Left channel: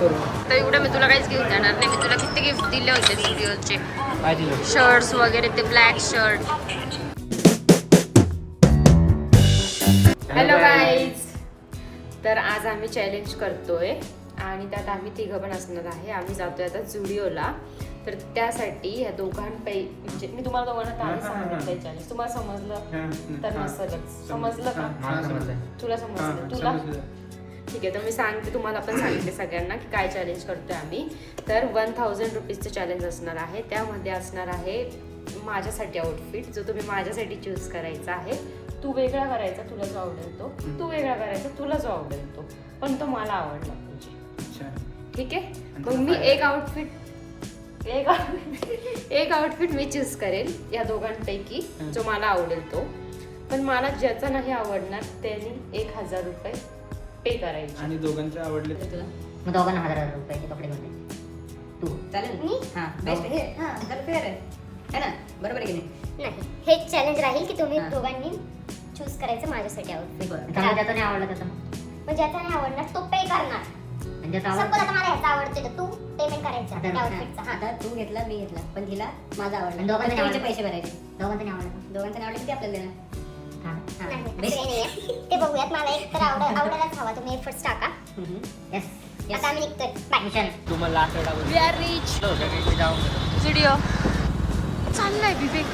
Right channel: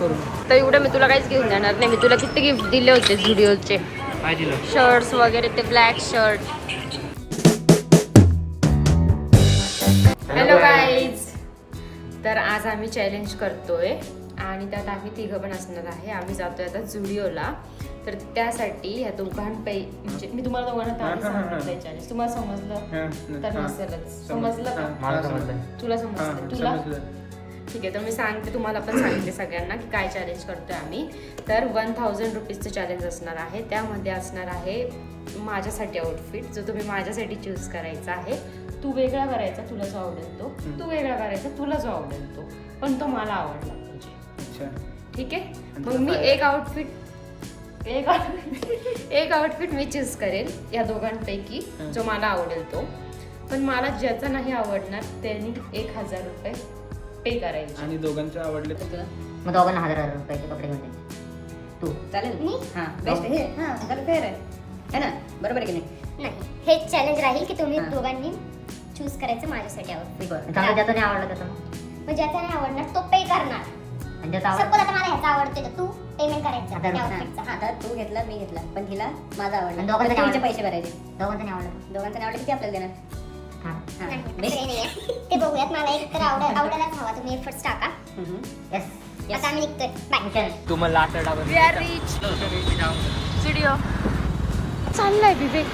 तर एवढं मी तुला काहीच घेऊन देणार नाही. मी तुला किती गिफ्ट दिले होते झुडिओचे, काय दिलं? शर्ट्स वगैरे, ते ब्लॅक शर्ट. हॅलो गाईज, तर आज आम्ही चॅलेंज करतोय आणि त्यात आम्ही तिघं पण असणार आहे. आम्ही जातोय आता झुडिओला. तर त्यासाठी ह्या म्हणजे मी तुम्हाला दोघांना आधी सांगितलंय चॅलेंज. तुम्हाला समजलं तर नसेलच. समजलं का? तुला समजलं? तुला ठीक आहे. तर मी सांगते, तुम्हाला पण सांगितले सगळ्यांना की काय चॅलेंज करतोय आम्ही. तर 1000 रुपीजचं चॅलेंज असणार आहे. त्यामध्ये असणार आहे माझ्यासाठी आउटफिट, जो तुम्ही माझ्यासाठी चूज करायचा आहे. तू वेगळा करायचा, तुला जो आवडेल तो. तू वेगळा करायचा, तुला जो आवडेल तो, पण तो मला आवडला पाहिजे. ठीक आहे. मग मी एक आउटफिट मी चूज करेल या दोघांपैकी, जो मला आवडेल तो. पण मला ज्याचा नाही आवडणार त्यांनी 1000 रुपये पे करायचे. आणि दोघांचे आवडले तर मग दोघांना 1000 रुपयाचे कपडे मिळतील. तू चालेल? हां बेस्ट. हे हां जरा फेअर आहे ना? बरोबर आहे की नाही? नाही, हे चॅलेंज राहील की तुम्ही दोघांनी चूज करायचं माझ्यासाठी आउटफिट. चांगलं ज्याचं नाही आवडलं तसं मग ज्याचा नाही आवडणार तो पे करणार. म्हणजे सपोज आता मला ह्याचा आवडतोय तर तू पेमेंट करायचं त्या आउटफिटचा. हा आता तू घेतला मी घेतला पण हिला माझा आवडला. दोघांचे दोघांचे पैसे भरायचे. दोघांचं नाही आवडलं. दोघांचं नाही आवडलं की आपल्याला देणार. नाही, असं काही नाहीये. ते बघूयात. मला एक तर आवडायलाच हवा. तुम्ही एफर्ट्स टाका. येस. आता आम्ही निघतोय. बाय. तुम्हाला आठवड्यावर वी आर रिच झुडिओ. चाललाय विवेक.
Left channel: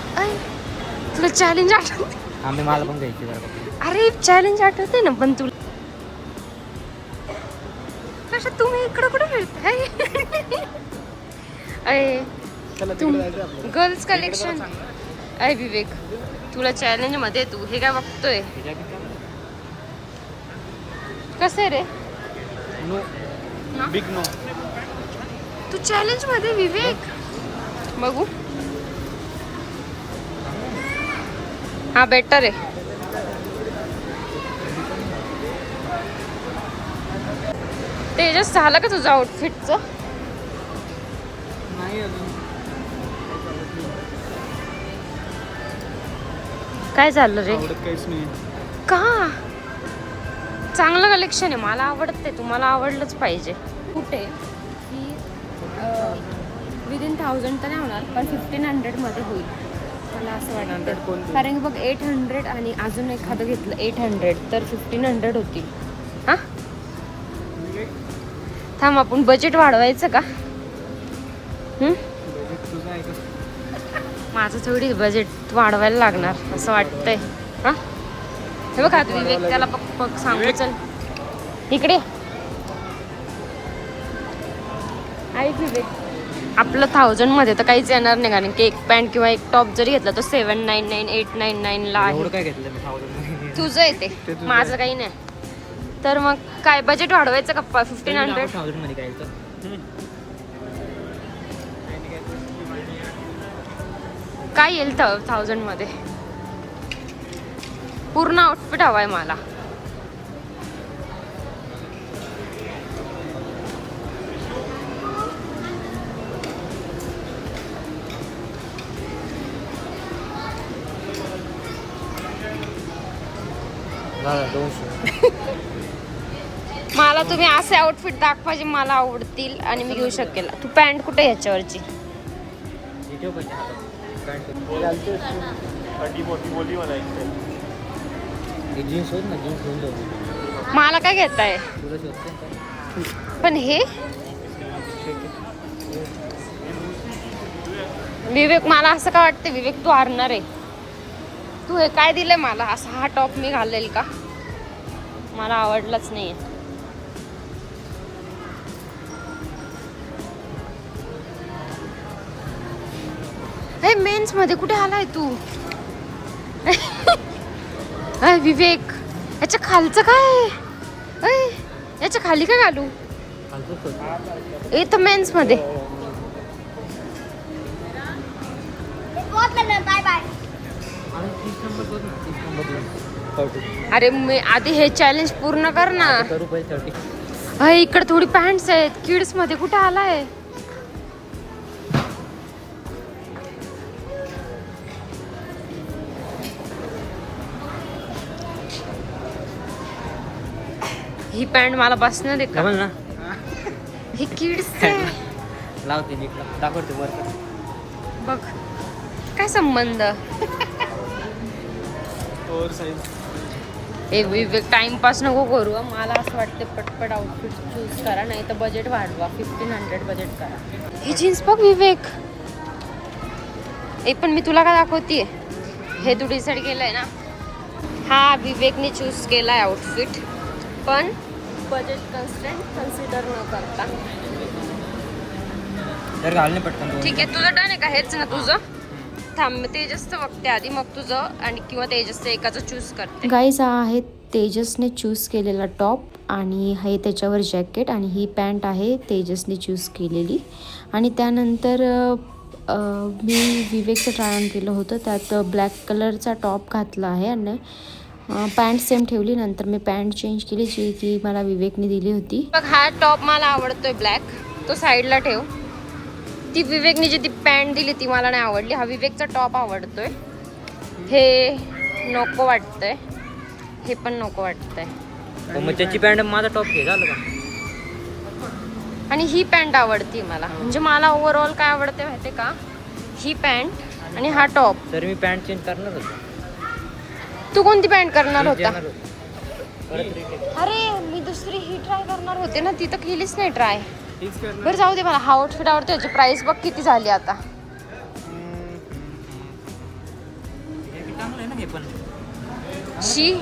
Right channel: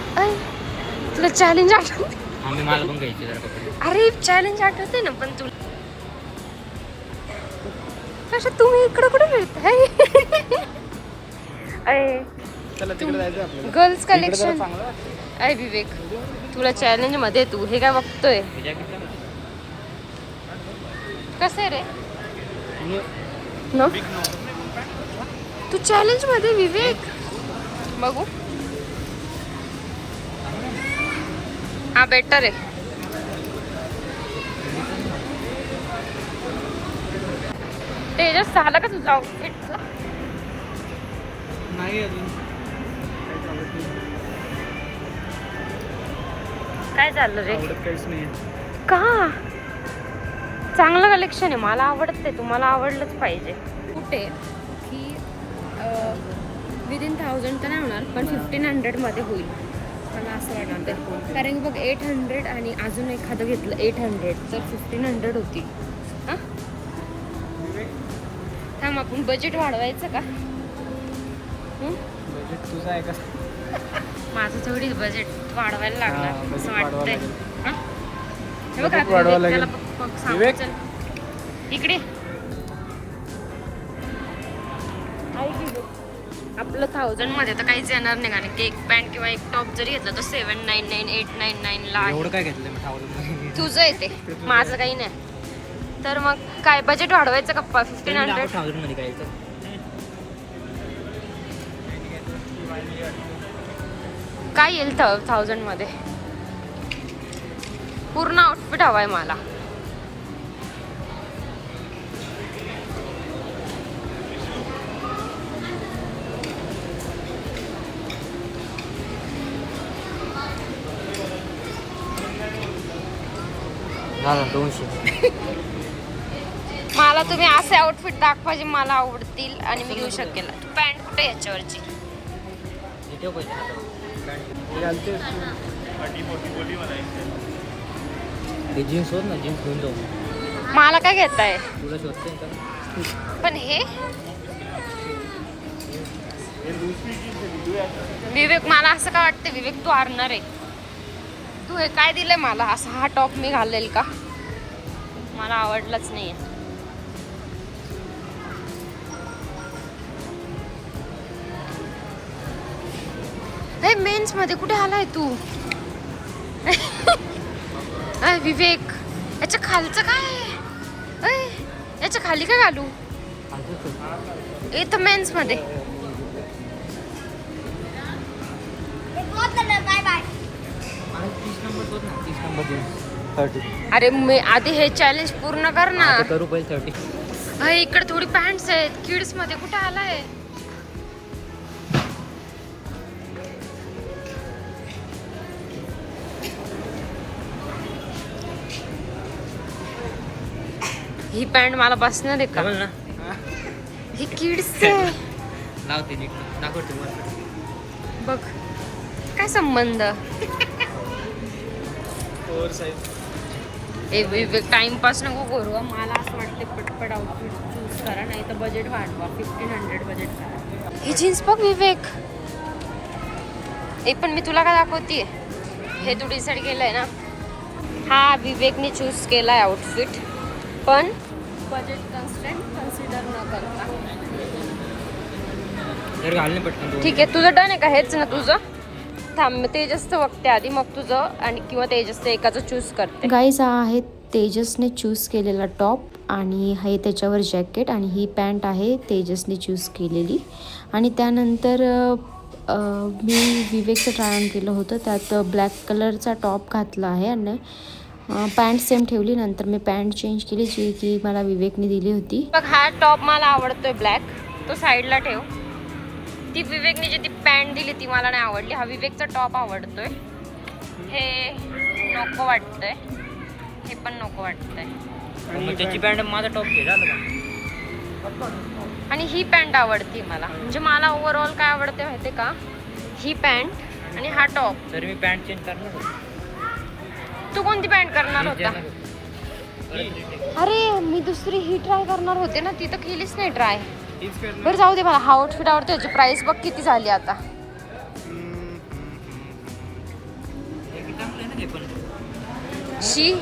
तुला चॅलेंज आठवते? आम्ही मला पण घ्यायची जरा कपडे. अरे चॅलेंज आठवते ना, पण तू कसं तुम्ही इकडं कुठं फिरताय? चला तिकडे जायचं आपल्याला. Girls collection. अय विवेक, तुला चॅलेंज मध्ये तू हे काय बघतोय? कसं आहे रे? No big no. तू चॅलेंज मध्ये विवेक. बघू. हा बेटर आहे. तेजस, झालं का तुझं आउटफिटचं? नाही अजून काय झालं रे? आवडत काहीच नाही. का? चांगलं कलेक्शन आहे, मला आवडतंय. तुम्हाला आवडलंच पाहिजे. कुठे की विदिन 1000 तर नाही होणार, पण 1500 मध्ये होईल मला असं वाटतं. कारण की बघ 800 आणि अजून एखादं घेतलं 800 तर 1500 होतील. हां थांब, आपण बजेट वाढवायचं का? बजेट तुझं आहे का? माझं थोडी बजेट वाढवायला लागणार असं वाटतंय. हां हे बघ आता विवेक त्याला बघ सांगू. चल इकडे ऐक विवेक, आपलं 1000 मध्ये तर काहीच येणार नाही. कारण की एक पॅन्ट किंवा एक टॉप जरी घेतला तर 799 899 ला एवढं आहे. काय घेतलं मी 1000 तुझं येते, माझं काही नाही. तर मग काय बजेट वाढवायचं का? 1500 1000 मध्ये काय येतं? काय येईल 1000 मध्ये? पूर्ण आउटफिट हवाय मला. मला तुम्ही असे आउटफिट दाखवा जे मला आवडतील आणि मी घेऊ शकेल. तू पॅन्ट कुठे याच्यावरची? जीन्स होत ना, जीन्स घेऊन जाऊ. मला काय घेताय? तुला शोधते का? पण हे विवेक, मला असं काय वाटतं विवेक तू हारणार आहे. तू हे काय दिलंय मला? असा हा टॉप मी घालेल का? मला आवडलाच नाहीये. हे मेन्स मध्ये कुठे आलाय तू? विवेक, याच्या खालचं काय? याच्या खाली काय घालू? इथं मेन्स मध्ये. Bye bye. अरे मी आधी हे चॅलेंज पूर्ण कर ना. करू पहिले 30. इकडे थोडी पॅन्ट्स आहेत. किड्स मध्ये कुठे आलाय? ही पॅन्ट मला बसणार आहे का? हे किड्स आहे. लावते नीट दाखवते बरं. बघ काय संबंध. ए विवेक टाइमपास नको करू हं. मला असं वाटतं पटपट आउटफिट चूज करा, नाही तर बजेट वाढवा. 1500 बजेट करा. ही जीन्स बघ विवेक. पण मी तुला काय दाखवतीये, हे तू डिसाईड केलंय ना. हा विवेकने चूज केलाय आउटफिट, पण बजेट कन्स्टंट कन्सिडर न करता. तर घालणे पटकन. ठीक आहे, तुझं डन आहे का? हेच ना तुझं. थांब, तेजसचं बघते आधी, मग तुझं आणि किंवा तेजसचं एकाचं चूज करते. गाईज हा आहे तेजसने चूज केलेला टॉप आणि हे त्याच्यावर जॅकेट, आणि ही पॅन्ट आहे तेजसने चूज केलेली. आणि त्यानंतर मी विवेकचं ट्राय ऑन केलं होतं, त्यात ब्लॅक कलरचा टॉप घातला आहे आणि पॅन्ट सेम ठेवली. नंतर मी पॅन्ट चेंज केली, जी की मला विवेकने दिली होती. बघ हा टॉप मला आवडतोय ब्लॅक, तो साईडला ठेव. ती विवेकने जी ती पॅन्ट दिली ती मला नाही आवडली. हा विवेकचा टॉप आवडतोय, हे नको वाटतंय, हे पण नको वाटतंय. मग त्याची पॅन्ट माझा टॉप घे झालं का? आणि ही पॅन्ट आवडती मला. म्हणजे मला ओव्हरऑल काय आवडते माहिती का, ही पॅन्ट आणि हा टॉप. तर मी पॅन्ट चेंज करणार होतो. तू कोणती पॅन्ट करणार होता? अरे मी दुसरी ही ट्राय करणार होते ना, ती तर केलीच नाही ट्राय. बरं जाऊ दे, मला हा आउटफिट आवडतो. याची प्राइस बघ किती झाली आता. चांगलं आहे ना हे पण. शी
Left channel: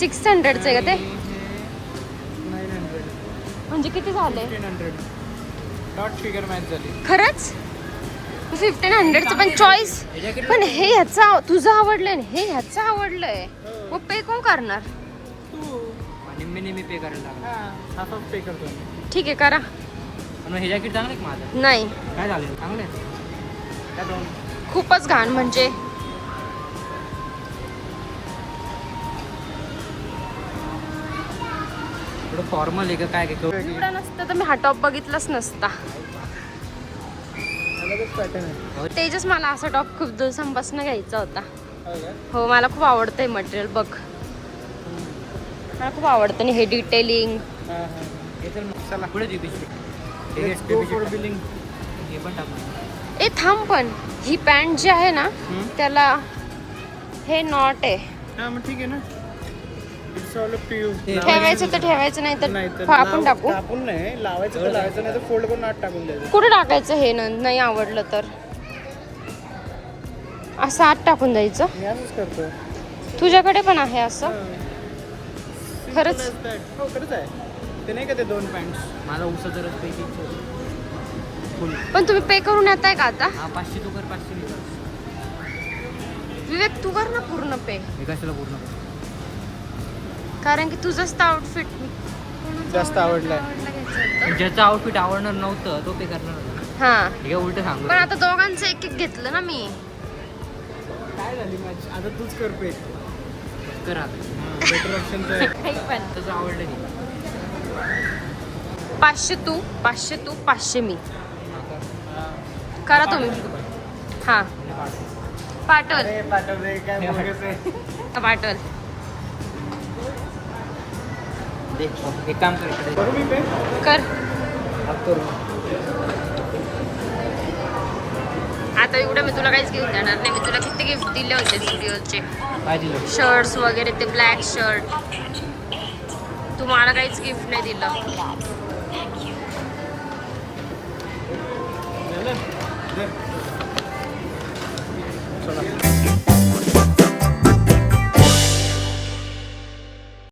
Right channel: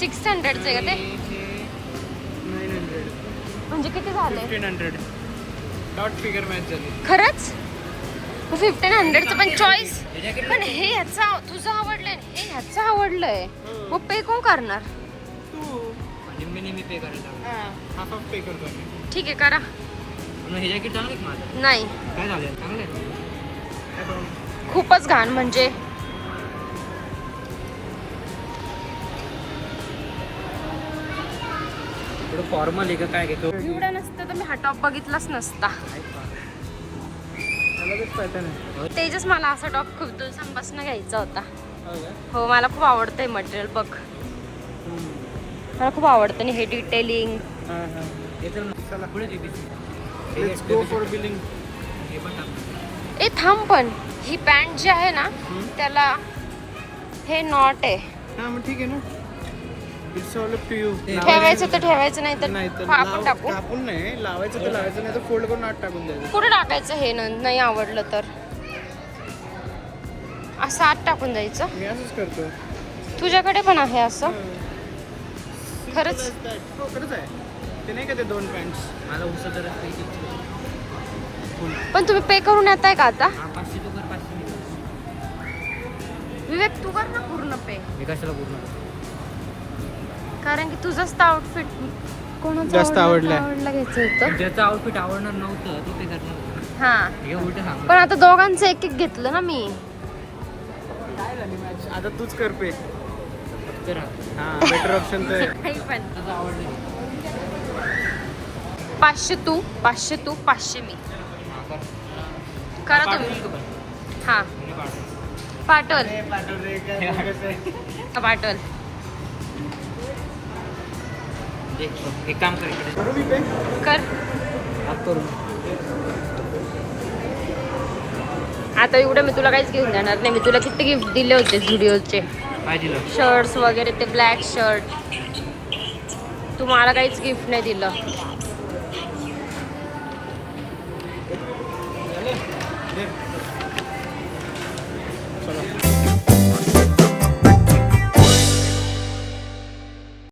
600चं आहे का ते? 900 म्हणजे किती झालं? 1500 डॉट फिगर मॅच झाली. खरंच 1500चं पण चॉईस. पण हे ह्याचं तुझं आवडलंय ना, हे ह्याचं आवडलंय, मग पे कोण करणार? निम्मे पे करायला. हाफ ऑफ पे करतो आम्ही. ठीक आहे करा. मग हे जॅकेट चांगलं आहे माझं. नाही काय झालं? चांगलं आहे. खूपच घाण. म्हणजे थोडं फॉर्मल आहे का काय काय करू? एवढा नसतं तर मी हा टॉप बघितलाच नसता. तेजस मला असा टॉप खूप दिवसांपासून घ्यायचा होता. हो मला खूप आवडतंय मटेरियल. बघ मला खूप आवडतं आणि हे detailing. Let's go for billing. ए थांब, पण ही पॅन्ट जी आहे ना त्याला हे नॉट आहे. हा मग ठीक आहे ना. It's all up to you. ठेवायचं तर ठेवायचं, नाही तर आपण टाकू. कापून नाही लावायचं तर लावायचं, नाही तर फोल्ड करून आत टाकून द्यायचं. कुठे टाकायचं हे नाही आवडलं तर? असं आत टाकून द्यायचं. मी असंच करतो. तुझ्याकडे पण आहे असं? खरंच? हो खरंच आहे. ते नाही का ते 2 पॅन्ट्स. मला उसाचं रस्ता इथे. पण तुम्ही पे करून येताय का आता? 500 तू कर, 500 मी कर. विवेक तू कर ना पूर्ण पे, मी कशाला पूर्ण कर? कारण की तुझंच तर आउटफिट जास्त आवडलंय. ज्याचं आउटफिट आवडणार नव्हतं तो पे करणार होता. हा हे उलट सांगू. पण आता दोघांचं एक एक घेतलं ना मी. काय झाली मॅच? आता तूच कर पे. तर हा बेटर ऑप्शन तर काही पण. तसं आवडलं की 500 तू 500 मी. हां कर. करा तुम्ही. हा पाठवल पाठवल. एक काम कर. करू मी पे? कर. करू. आता एवढं मी तुला काहीच घेऊन देणार नाही. मी तुला किती गिफ्ट दिले होते स्टुडिओचे, काय दिलं? शर्ट्स वगैरे, ते ब्लॅक शर्ट. तू मला काहीच गिफ्ट नाही दिलं. चला